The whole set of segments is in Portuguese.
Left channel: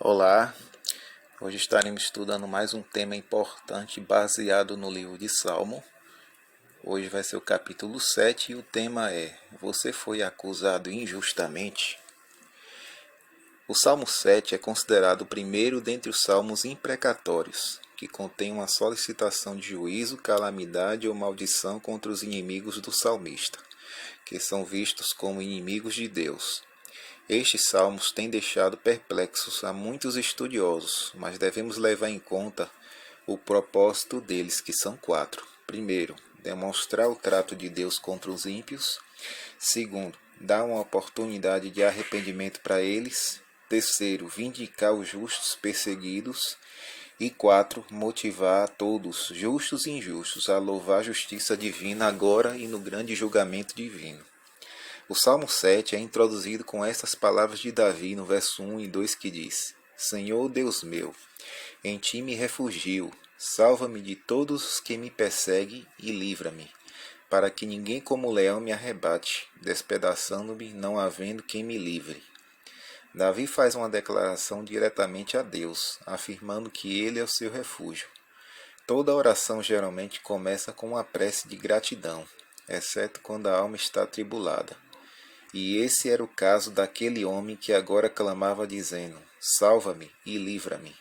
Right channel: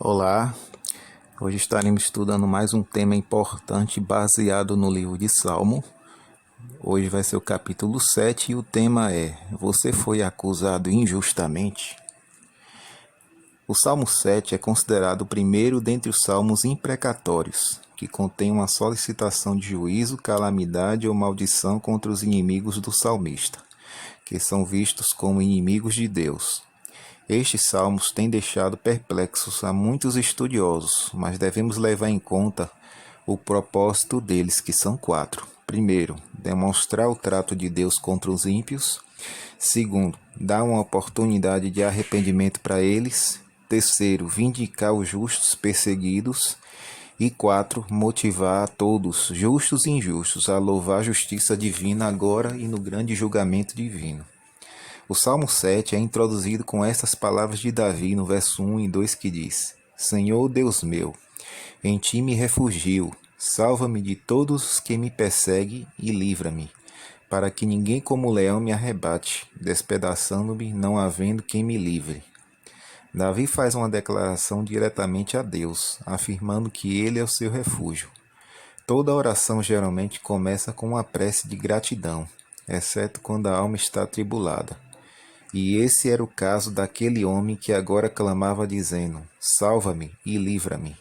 Olá, hoje estaremos estudando mais um tema importante baseado no livro de Salmo. Hoje vai ser o capítulo 7 e o tema é: Você foi acusado injustamente? O Salmo 7 é considerado o primeiro dentre os salmos imprecatórios, que contém uma solicitação de juízo, calamidade ou maldição contra os inimigos do salmista, que são vistos como inimigos de Deus. Estes salmos têm deixado perplexos a muitos estudiosos, mas devemos levar em conta o propósito deles, que são quatro. Primeiro, demonstrar o trato de Deus contra os ímpios. Segundo, dar uma oportunidade de arrependimento para eles. Terceiro, vindicar os justos perseguidos. E quatro, motivar a todos, justos e injustos, a louvar a justiça divina agora e no grande julgamento divino. O Salmo 7 é introduzido com estas palavras de Davi no verso 1 e 2 que diz: Senhor Deus meu, em ti me refugio, salva-me de todos os que me perseguem e livra-me, para que ninguém como leão me arrebate, despedaçando-me, não havendo quem me livre. Davi faz uma declaração diretamente a Deus, afirmando que ele é o seu refúgio. Toda oração geralmente começa com uma prece de gratidão, exceto quando a alma está atribulada. E esse era o caso daquele homem que agora clamava dizendo: Salva-me e livra-me.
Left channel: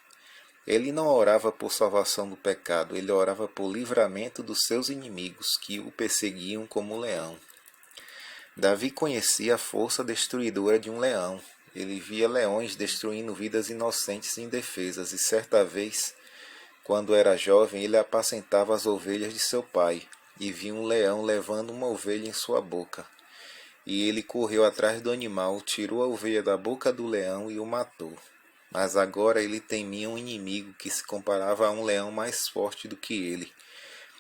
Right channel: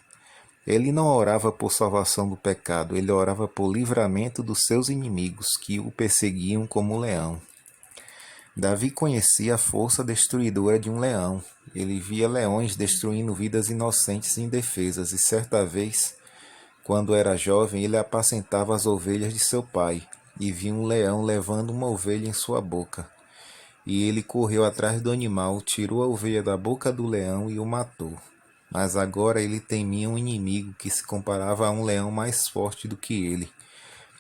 Ele não orava por salvação do pecado, ele orava por livramento dos seus inimigos que o perseguiam como leão. Davi conhecia a força destruidora de um leão. Ele via leões destruindo vidas inocentes e indefesas, e certa vez, quando era jovem, ele apacentava as ovelhas de seu pai, e viu um leão levando uma ovelha em sua boca. E ele correu atrás do animal, tirou a ovelha da boca do leão e o matou. Mas agora ele temia um inimigo que se comparava a um leão mais forte do que ele,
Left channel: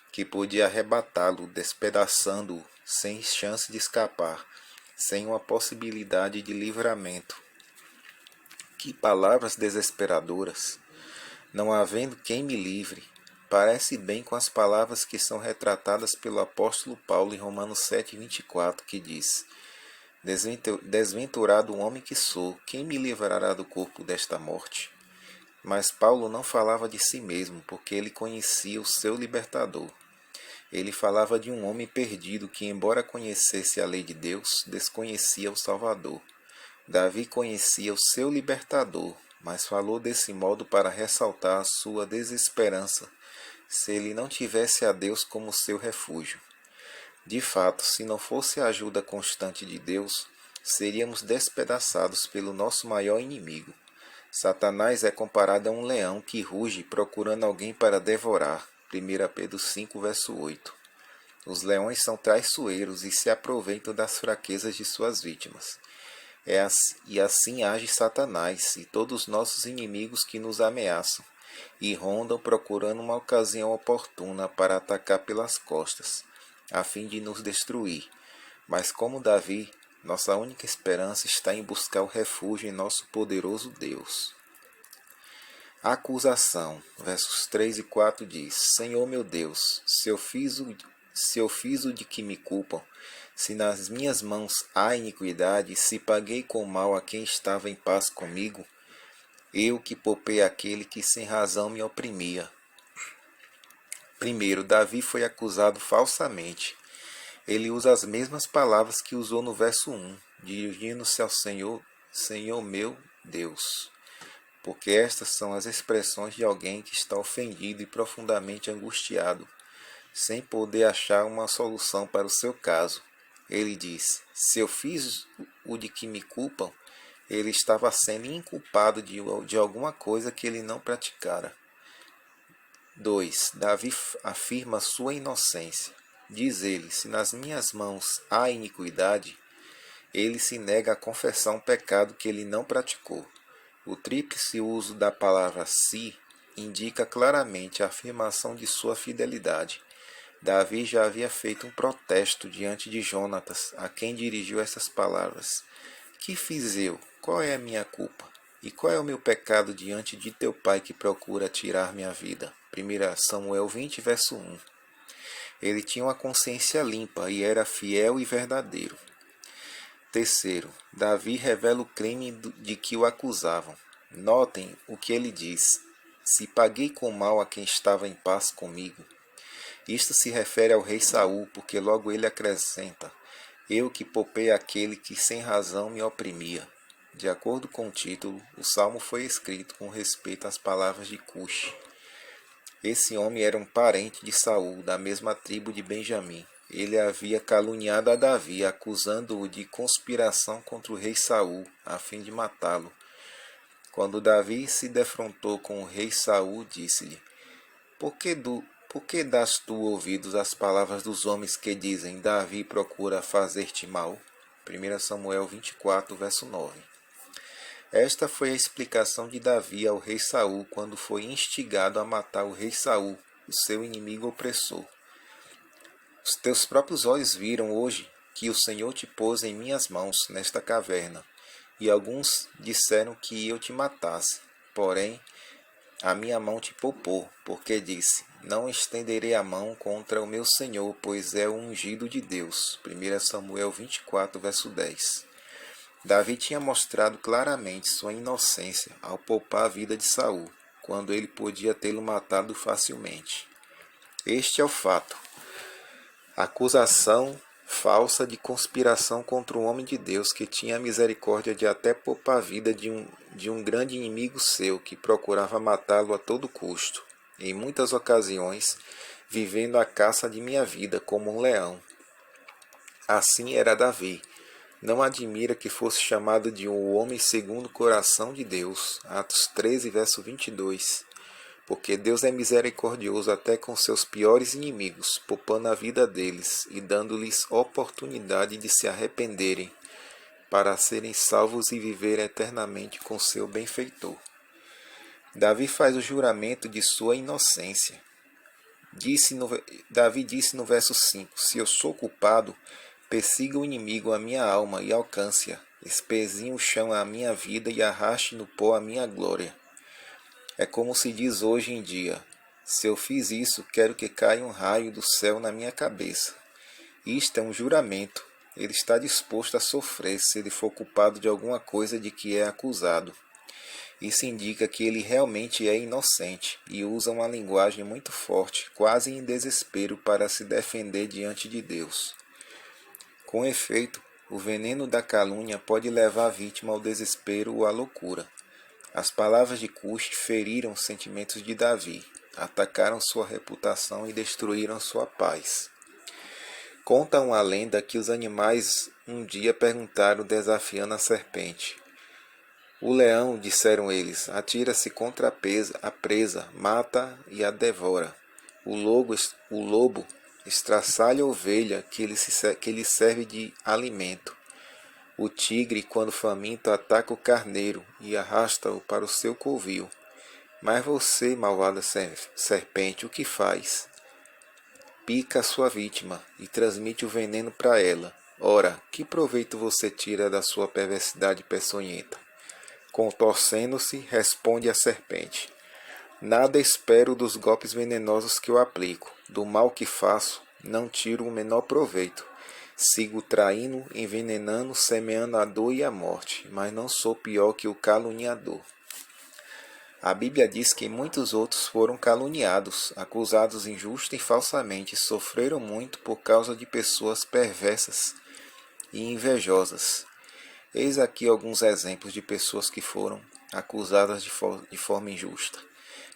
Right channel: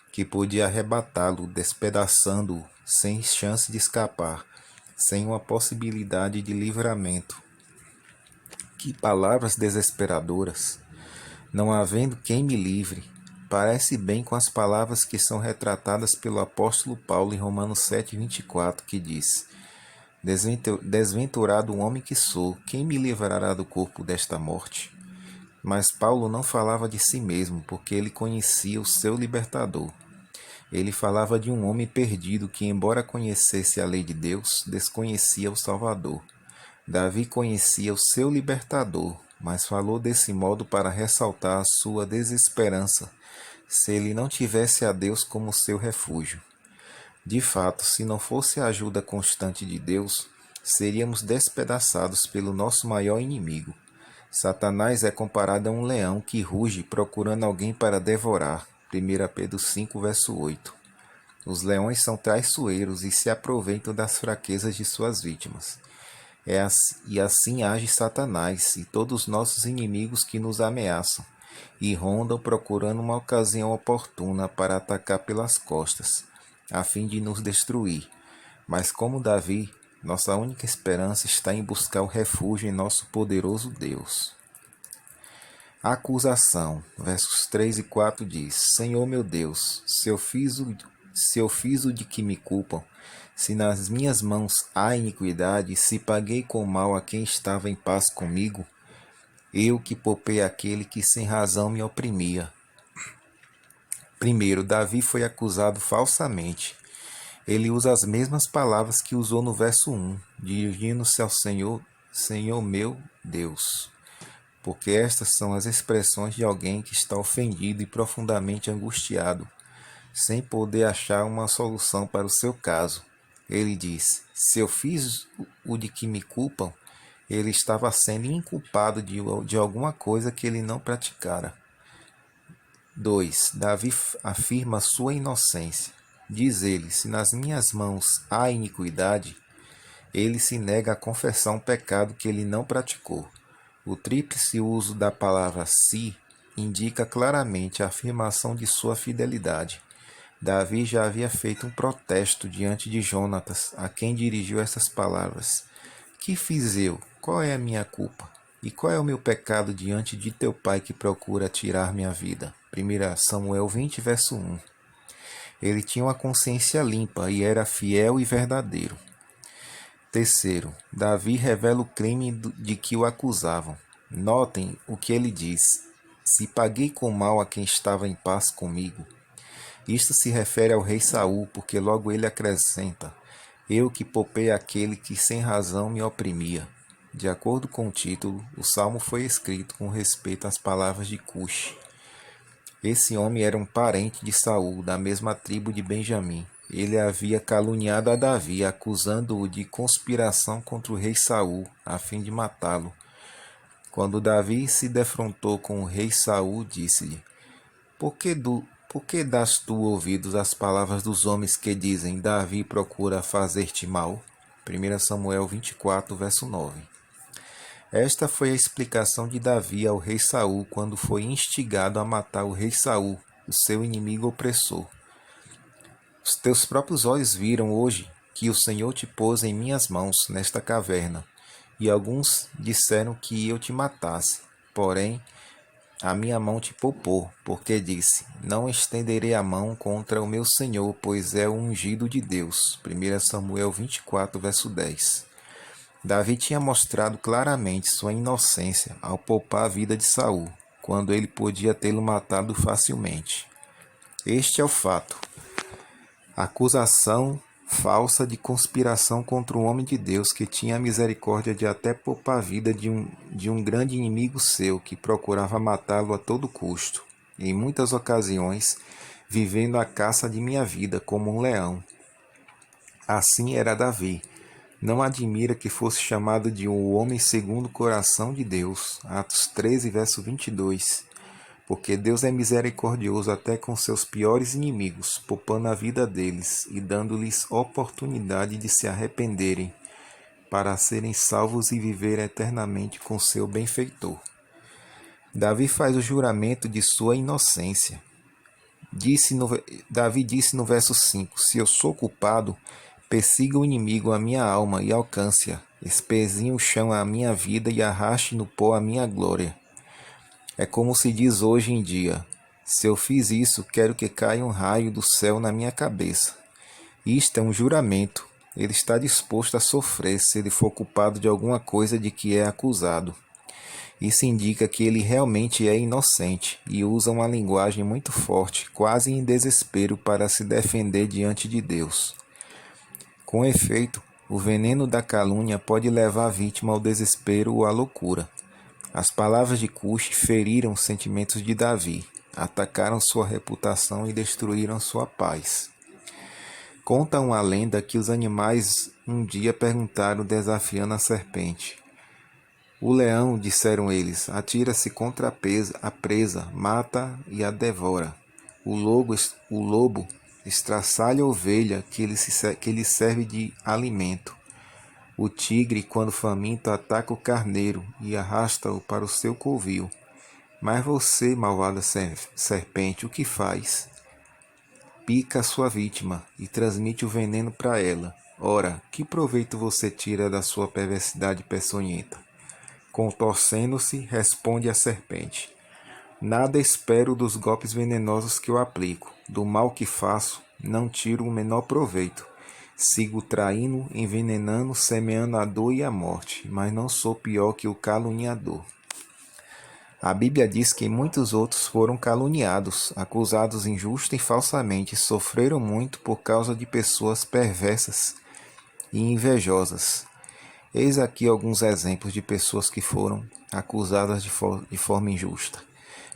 que podia arrebatá-lo, despedaçando-o, sem chance de escapar, sem uma possibilidade de livramento. Que palavras desesperadoras! Não havendo quem me livre, parece bem com as palavras que são retratadas pelo apóstolo Paulo em Romanos 7:24, que diz: Desventurado homem que sou, quem me livrará do corpo desta morte? Mas Paulo não falava de si mesmo, porque ele conhecia o seu libertador. Ele falava de um homem perdido que, embora conhecesse a lei de Deus, desconhecia o Salvador. Davi conhecia o seu libertador, mas falou desse modo para ressaltar a sua desesperança, se ele não tivesse a Deus como seu refúgio. De fato, se não fosse a ajuda constante de Deus, seríamos despedaçados pelo nosso maior inimigo. Satanás é comparado a um leão que ruge procurando alguém para devorar. 1 Pedro 5, verso 8. Os leões são traiçoeiros e se aproveitam das fraquezas de suas vítimas. E assim age Satanás e todos os nossos inimigos que nos ameaçam e rondam procurando uma ocasião oportuna para atacar pelas costas, a fim de nos destruir. Mas como Davi, nossa única esperança está em buscar o refúgio em nosso poderoso Deus. A acusação, versos 3 e 4 diz: Senhor meu Deus, se eu fiz o de que me culpam, se nas minhas mãos há iniquidade, se paguei com mal a quem estava em paz comigo, eu que poupei aquele que sem razão me oprimia. Primeiro, Davi foi acusado falsamente. Ele usa as mesmas palavras que usou no verso 1, dirigindo-se ao Senhor, Senhor meu Deus, porque estas são as expressões de alguém que está ofendido e profundamente angustiado, sem poder achar uma solução para o seu caso. Ele diz: Se eu fiz o de que me culpam, ele estava sendo inculpado de alguma coisa que ele não praticara. 2. Davi afirma sua inocência. Diz ele: Se nas minhas mãos há iniquidade, ele se nega a confessar um pecado que ele não praticou. O tríplice uso da palavra se indica claramente a afirmação de sua fidelidade. Davi já havia feito um protesto diante de Jonatas, a quem dirigiu essas palavras: Que fiz eu? Qual é a minha culpa? E qual é o meu pecado diante de teu pai que procura tirar minha vida? 1 Samuel 20, verso 1. Ele tinha uma consciência limpa e era fiel e verdadeiro. Terceiro, Davi revela o crime de que o acusavam. Notem o que ele diz: se paguei com mal a quem estava em paz comigo. Isto se refere ao rei Saul, porque logo ele acrescenta: eu que poupei aquele que sem razão me oprimia. De acordo com o título, o salmo foi escrito com respeito às palavras de Cuxi. Esse homem era um parente de Saul, da mesma tribo de Benjamim. Ele havia caluniado a Davi, acusando-o de conspiração contra o rei Saul, a fim de matá-lo. Quando Davi se defrontou com o rei Saul, disse-lhe: por que das tu ouvidos às palavras dos homens que dizem: Davi procura fazer-te mal? 1 Samuel 24, verso 9. Esta foi a explicação de Davi ao rei Saul quando foi instigado a matar o rei Saul, o seu inimigo opressor. Os teus próprios olhos viram hoje que o Senhor te pôs em minhas mãos nesta caverna, e alguns disseram que eu te matasse. Porém, a minha mão te poupou, porque disse: não estenderei a mão contra o meu Senhor, pois é o ungido de Deus. 1 Samuel 24, verso 10. Davi tinha mostrado claramente sua inocência ao poupar a vida de Saul, quando ele podia tê-lo matado facilmente. Este é o fato. Acusação falsa de conspiração contra um homem de Deus que tinha misericórdia de até poupar a vida de um grande inimigo seu que procurava matá-lo a todo custo, em muitas ocasiões, vivendo a caça de minha vida como um leão. Assim era Davi. Não admira que fosse chamado de um homem segundo o coração de Deus. Atos 13, verso 22. Porque Deus é misericordioso até com seus piores inimigos, poupando a vida deles e dando-lhes oportunidade de se arrependerem, para serem salvos e viver eternamente com seu benfeitor. Davi faz o juramento de sua inocência. Davi disse no verso 5: se eu sou culpado, persiga o inimigo a minha alma e alcance-a, espezinhe o chão a minha vida e arraste no pó a minha glória. É como se diz hoje em dia: se eu fiz isso, quero que caia um raio do céu na minha cabeça. Isto é um juramento. Ele está disposto a sofrer se ele for culpado de alguma coisa de que é acusado. Isso indica que ele realmente é inocente e usa uma linguagem muito forte, quase em desespero, para se defender diante de Deus. Com efeito, o veneno da calúnia pode levar a vítima ao desespero ou à loucura. As palavras de Cuxi feriram os sentimentos de Davi, atacaram sua reputação e destruíram sua paz. Conta uma lenda que os animais um dia perguntaram desafiando a serpente: o leão, disseram eles, atira-se contra a presa, mata e a devora. O lobo estraçalha a ovelha que lhe serve de alimento. O tigre, quando faminto, ataca o carneiro e arrasta-o para o seu covil. Mas você, malvada serpente, o que faz? Pica a sua vítima e transmite o veneno para ela. Ora, que proveito você tira da sua perversidade peçonhenta? Contorcendo-se, responde a serpente: nada espero dos golpes venenosos que eu aplico. Do mal que faço, não tiro o menor proveito. Sigo traindo, envenenando, semeando a dor e a morte, mas não sou pior que o caluniador. A Bíblia diz que muitos outros foram caluniados, acusados injusta e falsamente, e sofreram muito por causa de pessoas perversas e invejosas. Eis aqui alguns exemplos de pessoas que foram acusadas de forma injusta.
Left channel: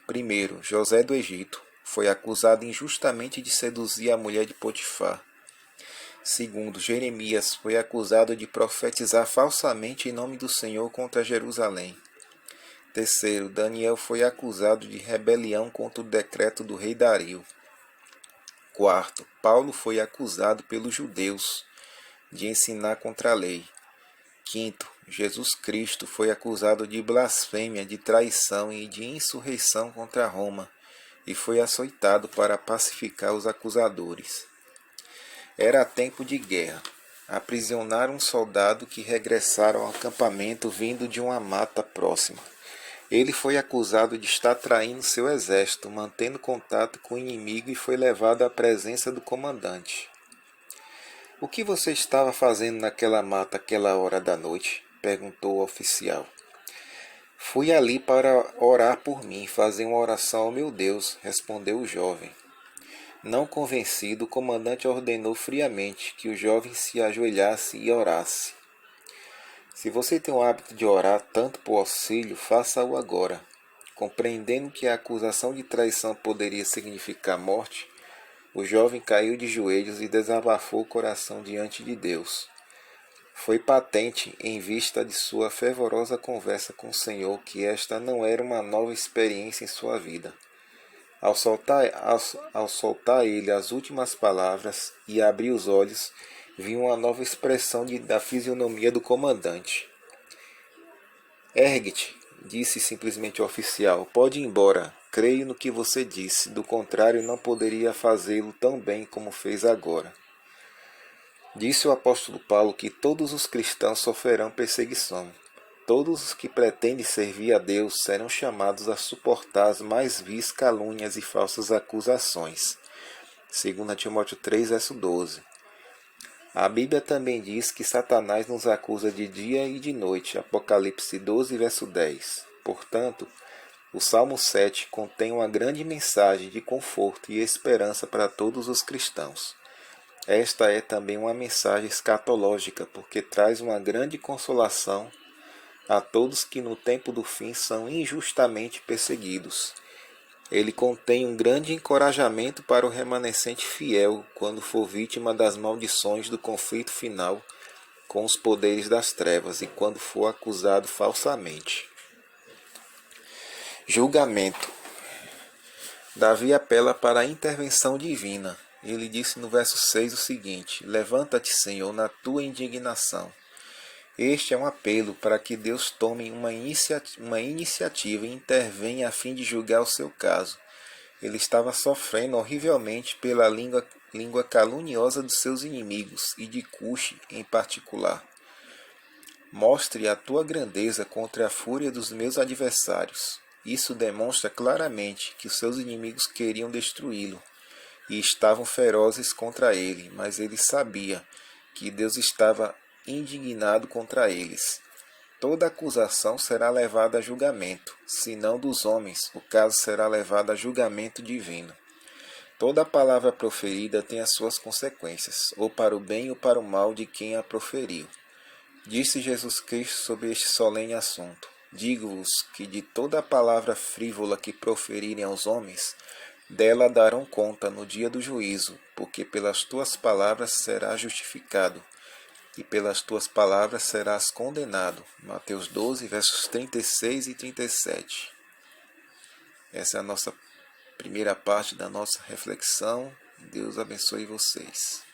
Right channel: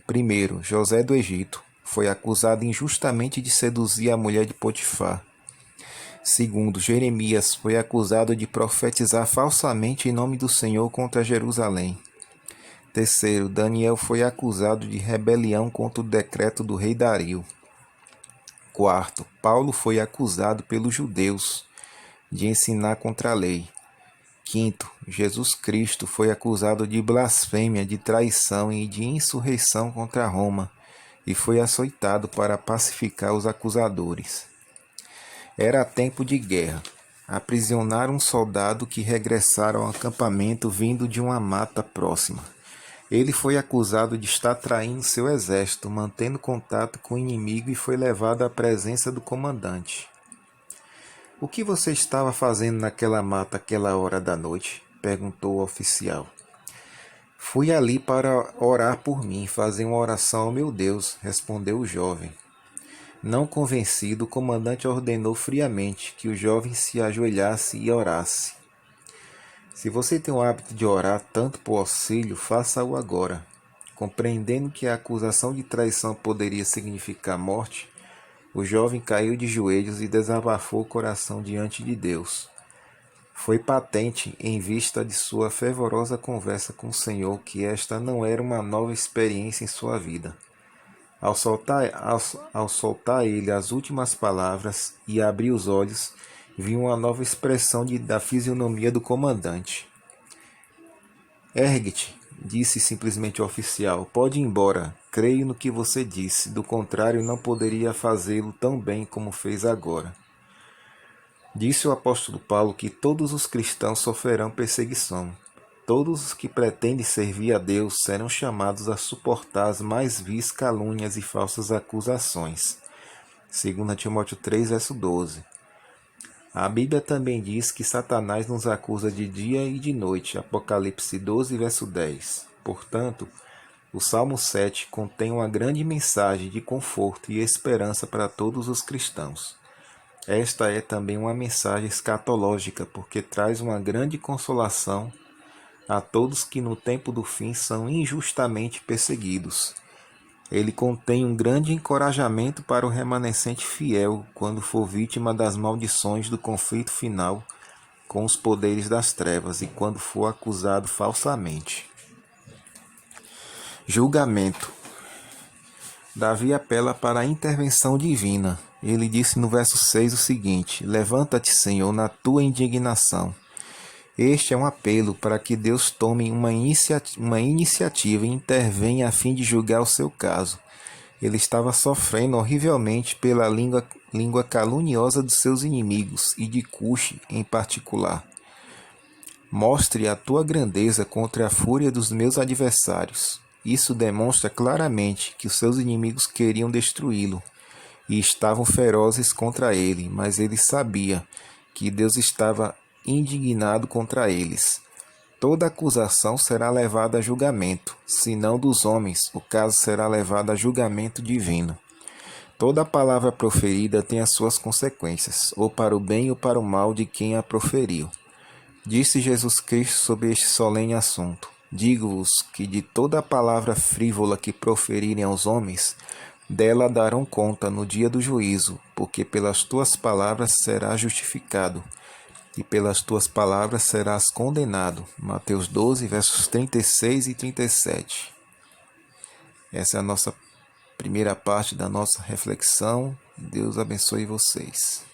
Primeiro, José do Egito foi acusado injustamente de seduzir a mulher de Potifar. Segundo, Jeremias foi acusado de profetizar falsamente em nome do Senhor contra Jerusalém. Terceiro, Daniel foi acusado de rebelião contra o decreto do rei Dario. Quarto, Paulo foi acusado pelos judeus de ensinar contra a lei. Quinto, Jesus Cristo foi acusado de blasfêmia, de traição e de insurreição contra Roma e foi açoitado para pacificar os acusadores. Era tempo de guerra. Aprisionaram um soldado que regressara ao acampamento vindo de uma mata próxima. Ele foi acusado de estar traindo seu exército, mantendo contato com o inimigo e foi levado à presença do comandante. O que você estava fazendo naquela mata àquela hora da noite? Perguntou o oficial. Fui ali para orar por mim, fazer uma oração ao meu Deus, respondeu o jovem. Não convencido, o comandante ordenou friamente que o jovem se ajoelhasse e orasse. Se você tem o hábito de orar tanto por auxílio, faça-o agora. Compreendendo que a acusação de traição poderia significar morte, o jovem caiu de joelhos e desabafou o coração diante de Deus. Foi patente, em vista de sua fervorosa conversa com o Senhor, que esta não era uma nova experiência em sua vida. Ao soltar ele as últimas palavras e abrir os olhos, viu uma nova expressão da fisionomia do comandante. Ergue-te, disse simplesmente o oficial. Pode ir embora. Creio no que você disse. Do contrário, não poderia fazê-lo tão bem como fez agora. Disse o apóstolo Paulo que todos os cristãos sofrerão perseguição. Todos os que pretendem servir a Deus serão chamados a suportar as mais vis calúnias e falsas acusações. 2 Timóteo 3, verso 12. A Bíblia também diz que Satanás nos acusa de dia e de noite. Apocalipse 12, verso 10. Portanto, o Salmo 7 contém uma grande mensagem de conforto e esperança para todos os cristãos. Esta é também uma mensagem escatológica, porque traz uma grande consolação a todos que no tempo do fim são injustamente perseguidos. Ele contém um grande encorajamento para o remanescente fiel quando for vítima das maldições do conflito final com os poderes das trevas e quando for acusado falsamente. Julgamento. Davi apela para a intervenção divina. Ele disse no verso 6 o seguinte: Levanta-te, Senhor, na tua indignação. Este é um apelo para que Deus tome uma iniciativa e intervenha a fim de julgar o seu caso. Ele estava sofrendo horrivelmente pela língua caluniosa dos seus inimigos e de Cuxi em particular. Mostre a tua grandeza contra a fúria dos meus adversários. Isso demonstra claramente que os seus inimigos queriam destruí-lo e estavam ferozes contra ele, mas ele sabia que Deus estava indignado contra eles. Toda acusação será levada a julgamento, se não dos homens, o caso será levado a julgamento divino. Toda palavra proferida tem as suas consequências, ou para o bem ou para o mal de quem a proferiu. Disse Jesus Cristo sobre este solene assunto: Digo-vos que de toda palavra frívola que proferirem aos homens, dela darão conta no dia do juízo, porque pelas tuas palavras serás justificado, e pelas tuas palavras serás condenado. Mateus 12, versos 36 e 37. Essa é a nossa primeira parte da nossa reflexão. Deus abençoe vocês.